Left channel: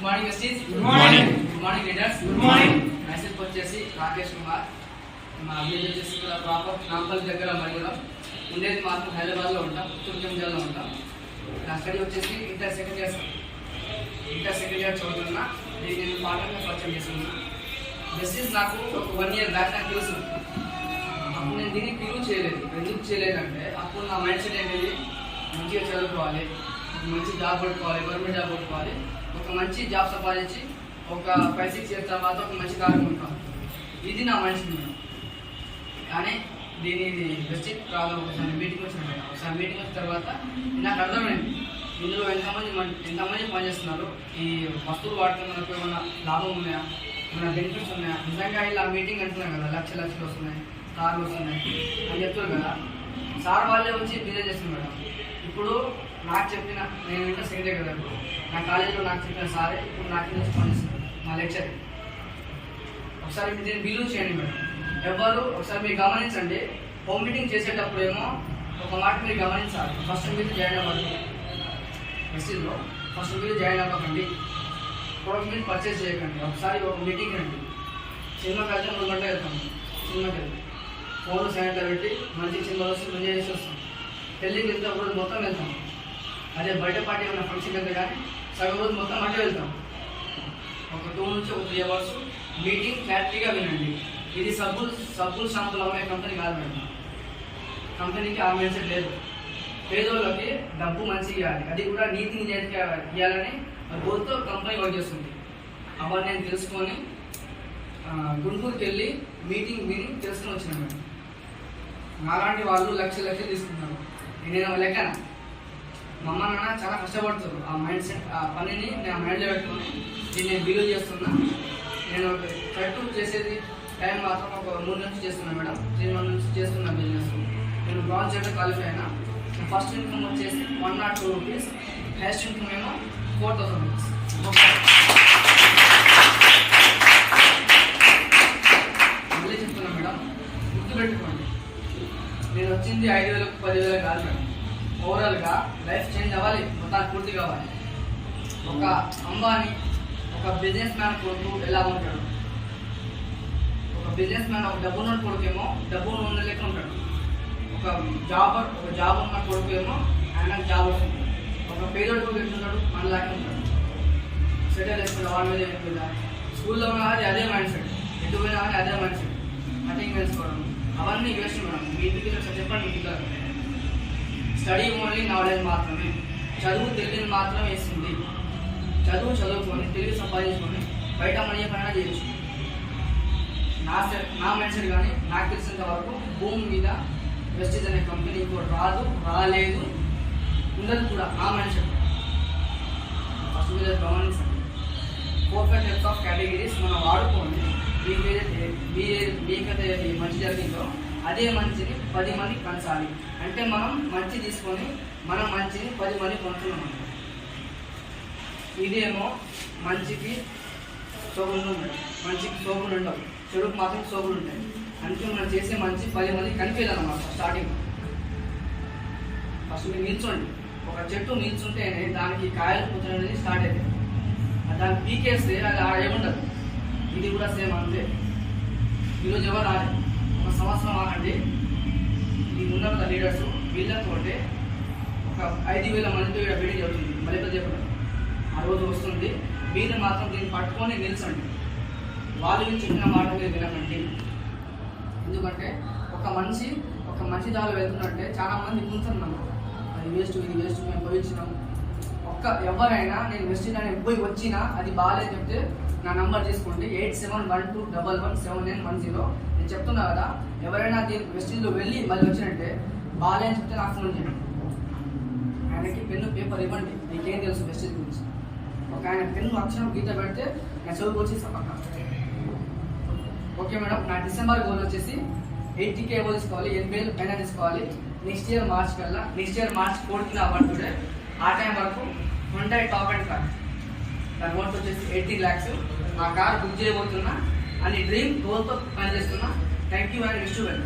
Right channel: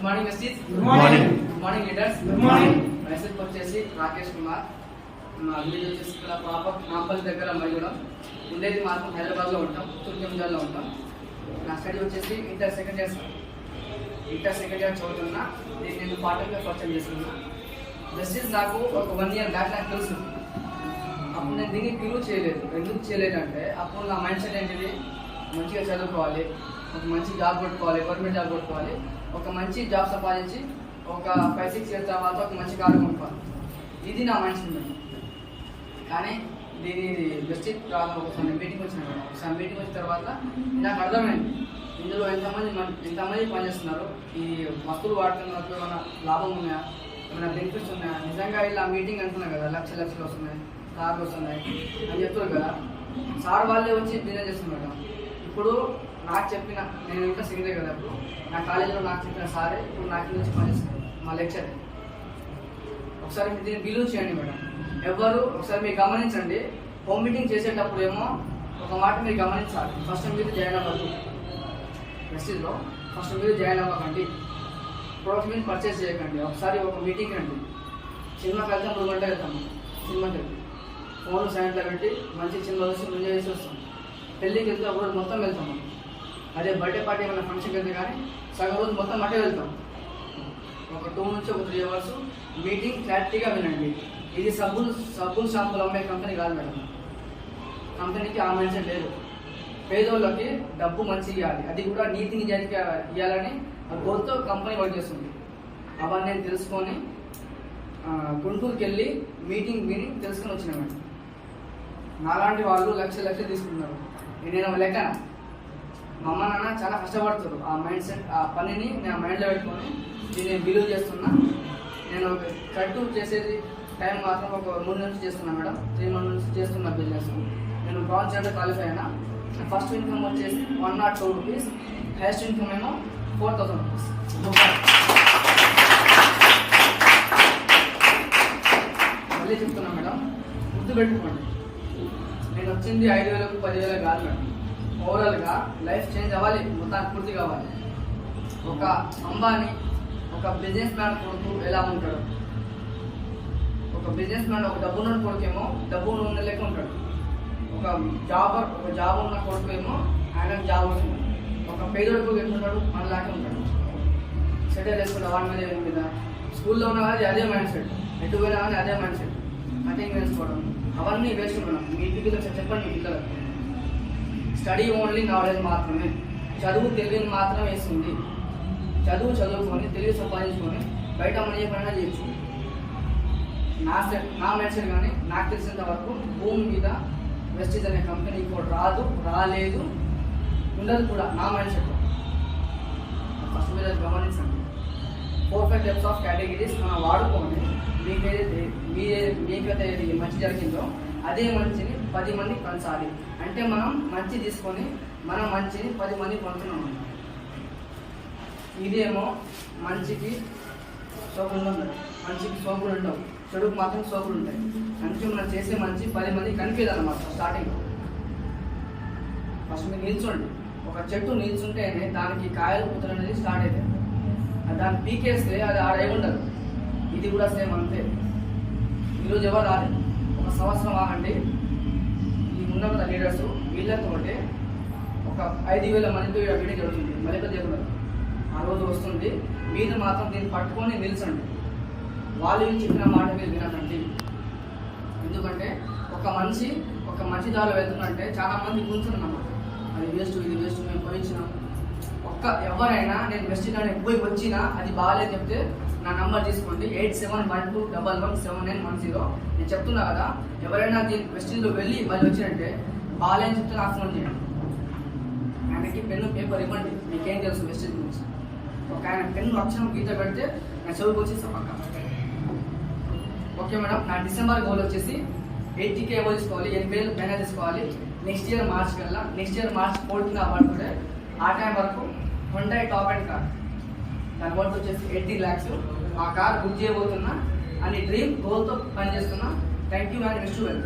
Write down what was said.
Good morning besties. Good morning. Good morning leaders. Good morning. Message వచ్చేసి రాకేష్ కుమార్. మా village వచ్చేసి ఇక్కడ ప్రాపర్ నాంపల్లి దగ్గర మరిగూడెం. ఉండేది మాత్రం హైదరాబాద్లో ఉంటాం, తుర్జంజాల్లో ఉంటాం. నా స్టడీ వచ్చేసి ఇంటర్ సెకండ్ ఇయర్ చదువుతున్నా. దీన్ని నేను పార్ట్నర్గా పరిచయం చేసుకున్నా. వెస్టీస్ నాకు ఒక 1 year బ్యాక్ నాకు తెలుసు. అప్పుడు నేను దీన్ని ప్రూవ్ చేయలేదు. ఎందుకు చేయలేదంటే అప్పుడు నా మైండ్ సెట్ ఏంటిది, మంచిగా చదువుకోవాలి, ఒక మంచి జాబ్ కొట్టుకోవాలి, గవర్నమెంట్ జాబ్ కొట్టుకోవాలి, ఒక మంచి జాబ్ సంపాదించి ఒక 5-6 years తర్వాత ఒక మంచి కార్యం కొనుక్కోవాలి. ఇది నా మైండ్ సెట్ మేడం. కానీ దీని బెస్ట్ రాదు. ఒకసారి మీటింగ్ వచ్చిన తర్వాత నాకు అర్థమైంది ఇందులో ఎంతమంది పనిచేస్తున్నారు, ఈ వస్తువులు వాడుతున్నప్పుడు ఏమన్నా లాభం ఉన్నాయా, ఏమైనా బెనిఫిట్స్ ఉన్నాయా. నిజంగా ఇలా మీటింగ్ అంటున్నాను కదా, లక్షలు వస్తున్నాయి, కార్లు వస్తున్నాయి అని చెప్తారు కదా. సార్ వాళ్ళే వచ్చి బిజినెస్ చేస్తున్నారు మేడం. ఇప్పుడు నాకు చెప్పిన, నేను ఇంటర్ సెకండ్ ఇయర్ కదా, ఇప్పుడు నా కాలేజీలో నాకు చెప్పిన సారే ఇప్పుడు నాకు నుంచి పనిచేస్తున్నారు, మా లెక్చర్. ఒకసారి దీన్ని బిలీవ్ చేయండి మేడం. ఎవరు ఒకసారి మీరు గమనించండి. హోమ్ మీటింగ్ చేసేటప్పుడు ఏమో ఒక మాట మీరు గమనించాలి. ఫస్ట్ మీరు జాయిన్ అవ్వాలి మెసేజ్లో. ఫస్ట్ మీరు జాయిన్ అవ్వకండి, ప్రొడక్ట్ మీద పర్చేస్ చేయకండి. ఒకసారి ఒక మీటింగ్ రండి. సినిమాకి వెళ్తాం, 2 గంటలకు వెళ్తాము. సినిమాకి వెళ్ళి ఫోన్లు సాయంత్రం పెట్టి మంచి సినిమా వస్తే ఎంజాయ్ చేసి వస్తాం. పెళ్ళికి వెళ్తే ఒక రోజు మొత్తం వెళ్తాము. అదే బర్త్డే పార్టీ ఏమైనా ఫంక్షన్కి వెళ్తే కానీ సగం రోజు మొత్తం అటే వెళ్తాం. ఒక 2 నుంచి 3 hours మీటింగ్ క్లారిటీగా వినండి. ఇది సబ్బులు షాంపులు అమ్మే కంపెనీ కాదు మేడం. కంపెనీకి ఆ మైండ్ సెట్ లేదు. పేదోళ్ళకి డబ్బు మంచిగా ఇవ్వాలి, అది కూడా నీతి నిజాయితీగా ఇవ్వాలని గోల్తో కంపెనీ వర్క్ చేస్తుంది. అవన్నీ నేను తెలుసుకొని గుంటూరుకి వెళ్ళి మీటింగ్ విని తెలుసుకొని వచ్చిన మేడం. నాలాంటి వాళ్ళు లక్షలు తీసుకున్నారు. నేను లెక్కన మా అమ్మ నాన్న చాలా కష్టపడుతారు. ఆ మైండ్ సెట్, ఆ పనిని నేను మైండ్లో పెట్టుకొని దీన్ని బిలీవ్ చేస్తున్నా. నేను కట్టు చేసేది టైం మాత్రం ఒక 3 నుంచి చేస్తున్నా మేడం. 3 months నుంచి చేస్తున్నా బిజినెస్. నేను బ్రాంచ్ అంటే క్వాలిఫై అయినా. ఫస్ట్ ఇన్కమ్ వచ్చేసి 102 rupees, హైయెస్ట్ ఇన్కమ్ ఏమో 4000 rupees. మళ్ళీ చెప్తున్నా మేడం, గుర్తుపెట్టుకోండి. నేను వచ్చింది 5,000 10,000 కాదు మేడం. ఓవరాల్గా లైఫ్ చేంజ్ అవ్వాలి, మొత్తానికి పూర్తి కావాలి. ఒక అంబానీ, ఒక బిజినెస్ మ్యాన్ కొడుకు ఎలా ఉంటాడు, ఒక బిజినెస్ మ్యాన్, ఒక డబ్బు ఉన్న కొడుకేమో డబ్బు ఉన్న లెక్క ఉంటాడు. ఒక జాబ్ ఉన్న కొడుకు ఏమో ఆయన జాబ్ వస్తుంది. ఒక పేదోడు కొడుకు ఎట్లుంటాడు, మనలాగే ఉంటాడు. సెటిల్ వేసుకుంటా వాళ్ళ మీద ఏముంటుందా. స్కూల్లో ఉన్నా కానీ అదే మైండ్ సెట్, ఎటు పోయినా కానీ అదే మైండ్ సెట్, కటింగ్ వేసుకోవడం అవన్నీ వేస్ట్ మేడం. మీ ఇంటికి చెప్పండి మీ పిల్లలు. స్టడీ ఓన్లీ నాలెడ్జ్ మాత్రమే, చదువు తెలివిని మాత్రం వేస్తుంది. చదువుకొని తెలివి సంపాదించుకొని బయట మనీ పైన చేయొచ్చు. నా మైండ్ సెట్ కానీ నాకు తెలిసినంత వరకు భూమి మీద వెస్టీజ్ అనే కంపెనీ ఇంకోటి రాదు, రాలేదు, ఉండదు కూడా. నా మైండ్ సెట్ ఫస్ట్ మీద గమనించండి. 4-5 types ఆఫ్ కేటగిరీస్ మనం వాడుకోండి. మీకైతే మంచి జరిగిందో అదే మంచిని 10 మందికి పంచాలి. అంటే మనం మంచి తీసుకొని మనం మంచిని 10 మందికి పంచుతున్నాం. ఇదేమో మంచికి సోకులు ఉండవు, మంచికి సోకులు ఉండవు, చెడుకు మాత్రం సోకులు ఉంటాయి. మంచి మనం చేసే మంచి 10 మందికి కనిపించాలన్నమాట. స్టార్టింగ్ ఫస్ట్ మీరు నిల్చోండి. ఒక చెట్టు నిల్చుంటేనే దానికి కాయలు పుచ్చడం అనేది స్టార్ట్ అవుతాయి. దాన్ని పీకేస్తే అది ఏముండదు. ఇది కూడా సేమ్ అంతే. ఈరోజు ఎవరు రాలేదు, ఒక సంవత్సరం ఆగండి. ఇది ఉన్న కదా లీడర్స్, వీళ్ళతో ఒక 5,000 మందితో ఇక్కడ మీటింగ్ జరుగుతుంది. మళ్ళీ చెప్పడం ఆ రోజు వస్తుంది. మీరు మాత్రం దీన్ని పట్టుకొని నిల్చండి. వాళ్ళు చెప్పిన మాట మీరు వినకండి. ఎందుకంటే ఒక మంచి దారిలో వెళ్తున్నట్టే చాలా మంది కూర్చున్నమాట. అది వేస్ట్, ఇది వేస్ట్, మేము పోయించినాం. ఎవరైనా నేను వెస్ట్ అని పోయి వచ్చినా అది బాగాలేదు చెప్తే నా నంబర్ తీసుకోండి, 8712117910. నేను చెప్తున్నా కదా, ఎవరైనా దీని వెస్టీజ్లో వెళ్ళి మళ్ళీ వచ్చినట్టే బాగాలేని చెప్తే నాకు ఫోన్ చేయండి. ఆయనకి పెన్ను పేపర్ ఇవ్వండి, మీకేం తెలుసు వెస్టీజ్ గురించి. ఒక ఆయన పెన్ను అక్షరం గీత పెడితే నేను చదువుకు వచ్చేస్తాను పక్క. Okay madam. నా డిసెంబర్ గోల్ వచ్చేసి 80K ఎవరు తీసుకోవాలి, 80,000 పైన తీసుకోవాలి. నెక్స్ట్ ఇయర్ మార్చ్ 4th నా పడుతుంటే ఆ టైం వరకు Hyundai టాప్ అండ్ కార్, దాని వర్త్ వచ్చేసి 80 lakhs. ఆ కార్ బుక్ చేయబోతున్నా అని డ్రీమ్ గోల్తో పనిచేస్తున్నా. Thank you and wish you well.